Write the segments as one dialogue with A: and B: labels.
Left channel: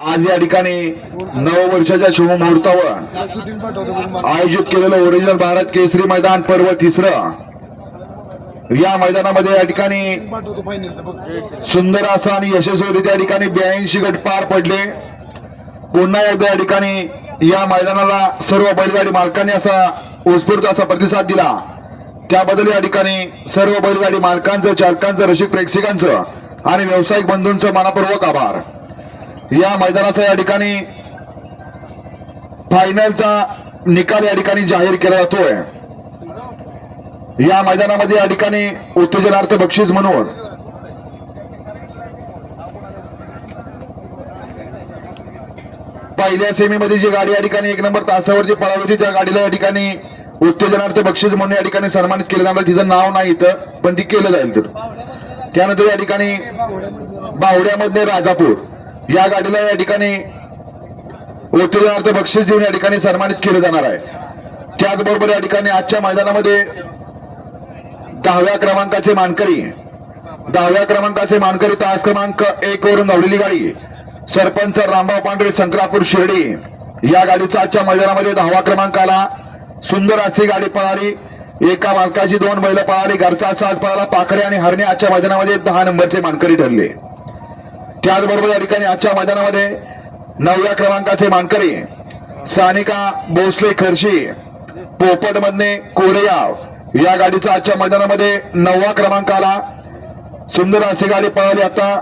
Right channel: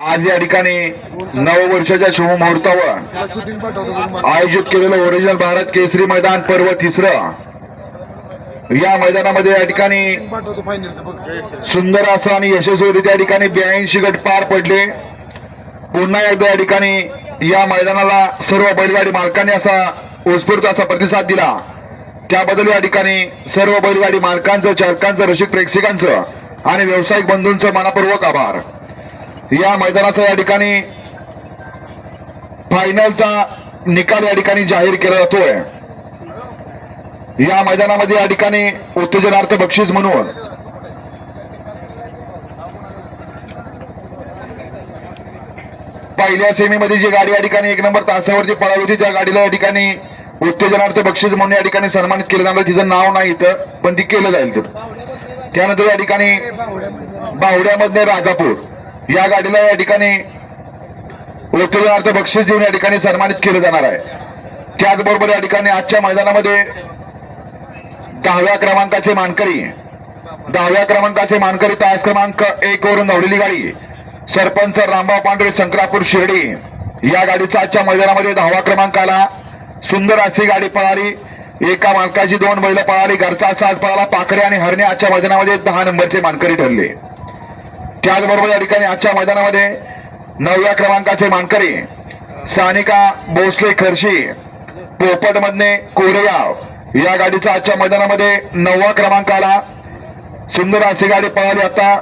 A: आज या ठिकाणी नववर्षाच्या शुभमुहूर्तावर आयोजित केलेलं ओरिजिनल भारत केसरी मैदान पर्व तिसरं. या मैदानामध्ये या ठिकाणी सुंदर असं आणि यशस्वीरित्या ठिकाणी ब्याऐंशी गट पार पडले. पुन्हा एकदा या ठिकाणी या मैदानाला सर्व बैलगाडी मालकांनी असा उत्स्फूर्त असा प्रतिसाद दिला. त्याबद्दल या ठिकाणी सर्व बैलगाडी मालकांचं चालकांचं रसिक प्रेक्षकांचं आणि व्यावसायिक बंधूंचं मनापूर्वक आभार. या मैदानाचा या ठिकाणी फायनलचा निकाल या ठिकाणी जाहीर केला जातोय. या मैदानामध्ये या ठिकाणी उत्तेजनार्थ बक्षीस म्हणून पहिल्या सेमीमध्ये जी गाडी या ठिकाणी एक नंबर तासावरती पळाली होती त्या गाडीला या ठिकाणी उत्तेजनार्थ बक्षीस म्हणून या ठिकाणी सन्मानित केलं जाणार. तिचं नाव नाही इथं पण ती केलं जाईल तर त्यानंतर या ठिकाणी बावड्यामधले राजापूर. या गाडीला या ठिकाणी उत्तेजनार्थ बक्षीस देऊन या ठिकाणी सन्मानित केले जाणार आहे. त्याचबरोबर या ठिकाणी आजच्या मैदानामध्ये दहाव्या क्रमांकाचे मानकरी दहाव्या क्रमांकाचे मानकरी तास क्रमांक एक वरून धावलेली गाडी सरपंच रामबाव पांढरे शंकरापूर शिर्डी या गाडीचा आजच्या मैदानामध्ये दहावा क्रमांकाला सुंदर अशी गाडी पळाली. एका मालकाची दोन बैल पळाली. घरचा साज पळाला. पाखरे आणि हरणे आजच्या मैदानामध्ये दहा नंबरचे मानकरी ठरले. त्याचबरोबर या ठिकाणी आजच्या मैदानामध्ये नवव्या क्रमांकाचे मानकरी सानिका भोसले खर्शी पोपट मधने कोरेगाव या गाडीचा आजच्या मैदानामध्ये नववा क्रमांकाला सुंदर अशी गाडी पळाली आता.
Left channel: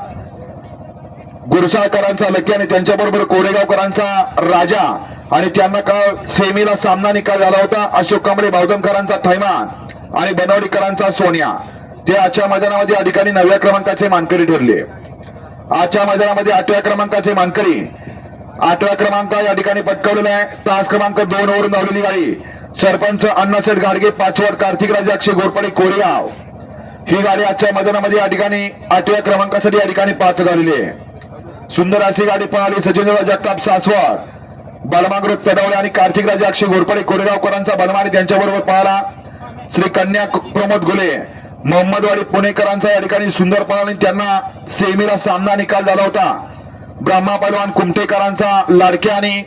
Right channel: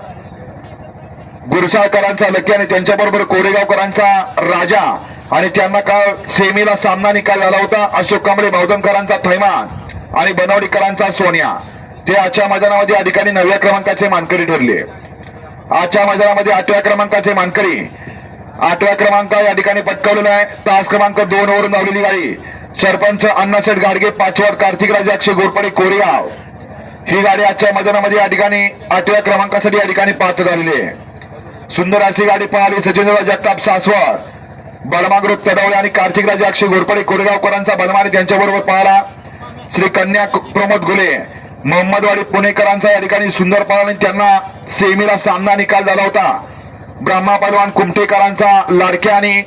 A: गुरसाळकरांचा लकी आणि त्यांच्याबरोबर कोरेगावकरांचा राजा आणि त्यांना काल सेमीला सामना निकाल झाला होता. अशोक कांबळे भावदमकरांचा थैमान आणि बनवडीकरांचा सोनिया. ते आजच्या मैदानामध्ये या ठिकाणी नवव्या क्रमांकाचे मानकरी ठरले. आजच्या मैदानामध्ये आठव्या क्रमांकाचे मानकरी. आठव्या क्रमांक या ठिकाणी पटकावलेला आहे. तास क्रमांक दोन वरून धावलेली गाडी. सरपंच अण्णासाहेब गाडगे पाचवड कार्तिक अक्षय घोरपडे कोरेगाव. ही गाडी आजच्या मैदानामध्ये या ठिकाणी आठव्या क्रमांकासाठी या ठिकाणी पात्र झालेली आहे. सुंदर अशी गाडी पाहिली सचिनराव जगताप सासवड. बलमा ग्रुप चढवले आणि कार्तिक राजा अक्षय घोरपडे कोरेगावकरांचा बलमा आणि त्यांच्याबरोबर पाहिला. श्री कन्या प्रमोद गुले मोहम्मदवाडी पुणेकरांचा या ठिकाणी सुंदर पळाला आणि त्यांना सेमीला सामना निकाल झाला होता. ब्रह्मा पलवान कुमटेकरांचा लाडके आणि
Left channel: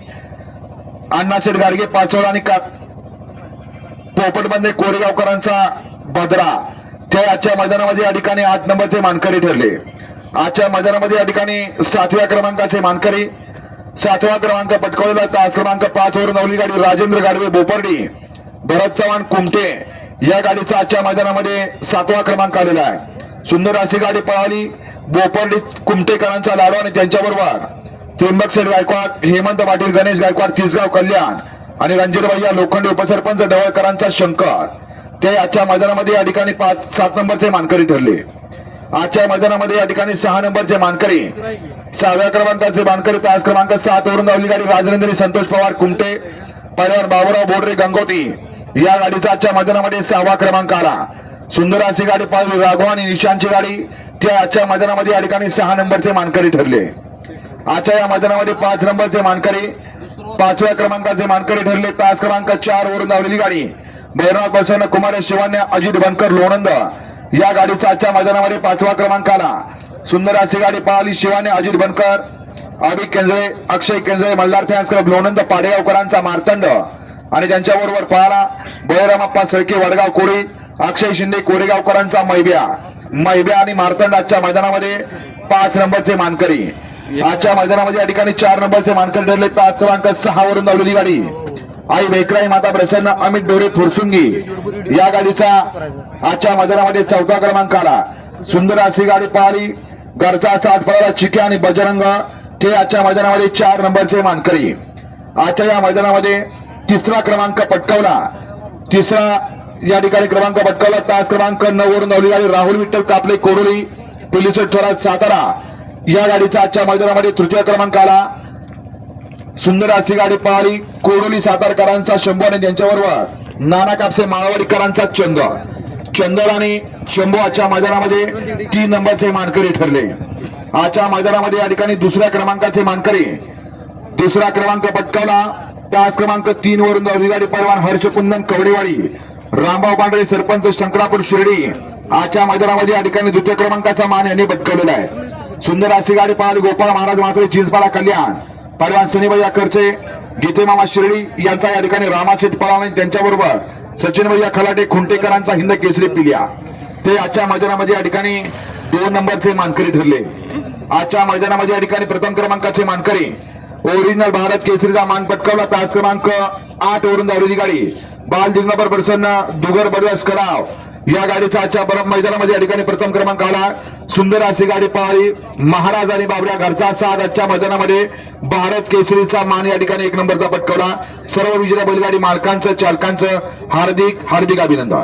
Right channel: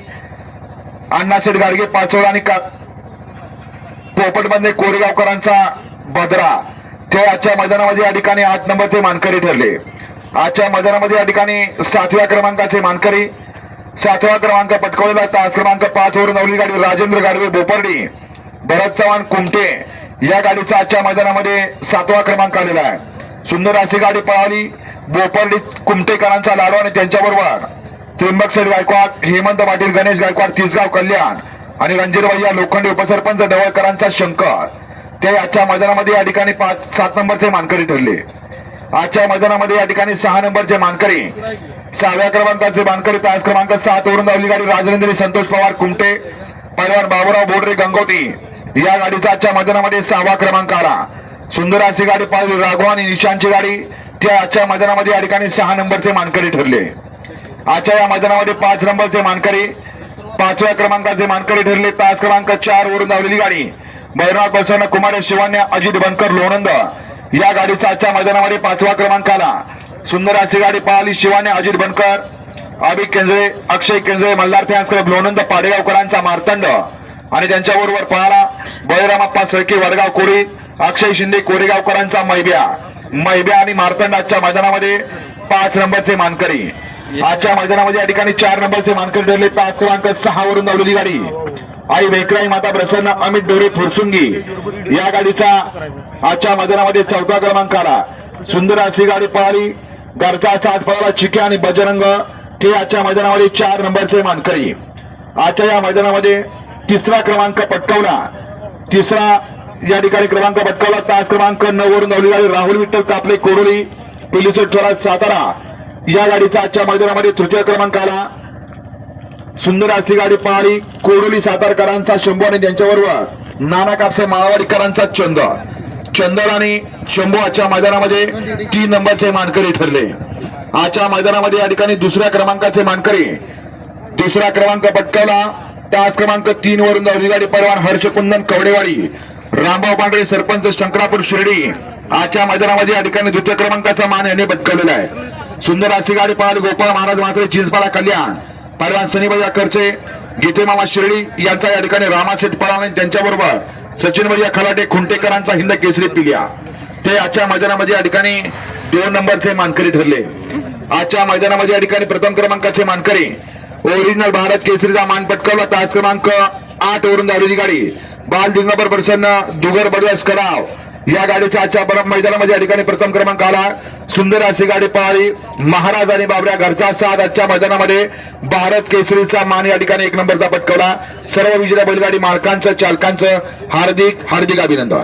A: अण्णाशेठ गाडगे पाचोळा आणि पोपटबंदे कोरेगावकरांचा बदरा. ते आजच्या मैदानामध्ये या ठिकाणी आठ नंबरचे मानकरी ठरले. आजच्या मैदानामध्ये या ठिकाणी सातव्या क्रमांकाचे मानकरी. सातवा क्रमांक पटकवलेला तास क्रमांक पाच वरून नवली गाडी राजेंद्र गाडवे बोपर्डी. भरत चव्हाण कुमटे या गाडीचा आजच्या मैदानामध्ये सातवा क्रमांक आलेला आहे. सुंदर अशी गाडी पळाली. बोपर्डी कुमटेकरांचा लाडू आणि त्यांच्याबरोबर त्र्यंबकसर गायकवाड हेमंत पाटील गणेश गायकवाड तिसगाव कल्याण आणि रणजित भैया लोखंडे उपसरपंच डवळकरांचा शंकर. ते आजच्या मैदानामध्ये या ठिकाणी पाच सात नंबरचे मानकरी ठरले. आजच्या मैदानामध्ये या ठिकाणी सहा नंबरचे मानकरी सहाव्या क्रमांकाचे मानकरी तास क्रमांक सात वरून धावली गाडी राजनंदिनी संतोष पवार कुमटे परिवार बाबूराव बोडरे गंगोटी या गाडीचा आजच्या मैदानामध्ये सहावा क्रमांक आला. सुंदर अशी गाडी पाहिली राघव आणि निशांची गाडी. त्या आजच्या मैदानामध्ये या ठिकाणी सहा नंबरचे मानकरी ठरले. आजच्या या मैदानामध्ये पाच नंबरचे मानकरी पाचव्या क्रमांकाचे मानकरी ठरले. तास क्रमांक चार वरून धावलेली गाडी. बैरनाथ बसवण कुमार शिवान्य अजित बनकर लोणंद. या गाडीचा आजच्या मैदानामध्ये पाचवा क्रमांक आला. सुंदर अशी गाडी पाहिली. शिवाने अजित बनकर अभि केंद्रे अक्षय केंद्रे मल्हार फॅन्स क्लब लोणंद पाडेगावकरांचा मार्तंड. आणि त्यांच्याबरोबर पाहला बळीरामप्पा सळके वडगाव कोळी अक्षय शिंदे कोरेगावकरांचा मैब्या. मैब्या आणि मार्तंड आजच्या मैदानामध्ये पाच नंबरचे मानकरी. आजच्या मैदानामध्ये या ठिकाणी चार नंबरचे मानकरी ठरले. पाच क्रमांक सहा वरून धावलेली गाडी. आई वेकराई माता प्रसन्न अमित डोरे फुरसुंगी. या गाडीचा आजच्या मैदानामध्ये चौथा क्रमांक आला. सुंदर अशी गाडी पळाली घरचा साथ पळाला. चिके आणि बजरंग. ते आजच्या मैदानामध्ये चार नंबरचे मानकरी. आजच्या या मैदानामध्ये तिसरा क्रमांक पटकावला. तिसरा या ठिकाणी क्रमांक पटकावला. तास क्रमांक नऊ वरून धावली गाडी राहुल विठ्ठल कापले कोरोली पिलिसोट थोरात सातारा. या गाडीचा आजच्या मैदानामध्ये तृतीय क्रमांक आला. सुंदर अशी गाडी पळाली कोरोली सातारकरांचा शंभू आणि त्यांच्याबरोबर नाना कापसे माळवाडीकरांचा चंद. चंदर आणि शंभू आजच्या मैदानामध्ये तीन नंबरचे मानकरी ठरले. आजच्या मैदानामध्ये या ठिकाणी दुसऱ्या क्रमांकाचे मानकरी. तिसरा क्रमांक पटकावला. त्याच क्रमांक तीन वरून गाडी परवान हर्षकुंदन कवडेवाडी. रामभाऊ पांढरे सरपंच शंकरापूर शिर्डी. आजच्या मैदानामध्ये या ठिकाणी द्वितीय क्रमांकाचा मान यांनी पटकवलेला आहे. सुंदर अशी गाडी पळाली गोपाळ महाराज मात्र चिंचपाडा कल्याण. पहिलवान सनीभाई करचे गीते मामा शिर्डी यांचा या ठिकाणी रामाशेठ पळाला आणि त्यांच्याबरोबर सचिन भैया खलाटे खुंटेकरांचा हिंद केसरी पिल्या ते आजच्या मैदानामध्ये या ठिकाणी दोन नंबरचे मानकरी ठरले. आजच्या मैदानामध्ये या ठिकाणी प्रथम क्रमांकाचे मानकरी ओरिजिनल भारत केसरीचा मान पटकावला. तास क्रमांक आठ वरून धावलेली गाडी. बाल दिग्नबर प्रसन्न दुगर बडवस कराव या गाडीचा आजच्या परम मैदानामध्ये या ठिकाणी प्रथम क्रमांक आला. सुंदर अशी गाडी पळाली महाराज आणि बाबऱ्या घरचा साथ आजच्या मैदानामध्ये. भारत केसरीचा मान या ठिकाणी एक नंबरचा पटकवला. सर्व विजेत्या बैलगाडी मालकांचं चालकांचं हार्दिक हार्दिक अभिनंदन.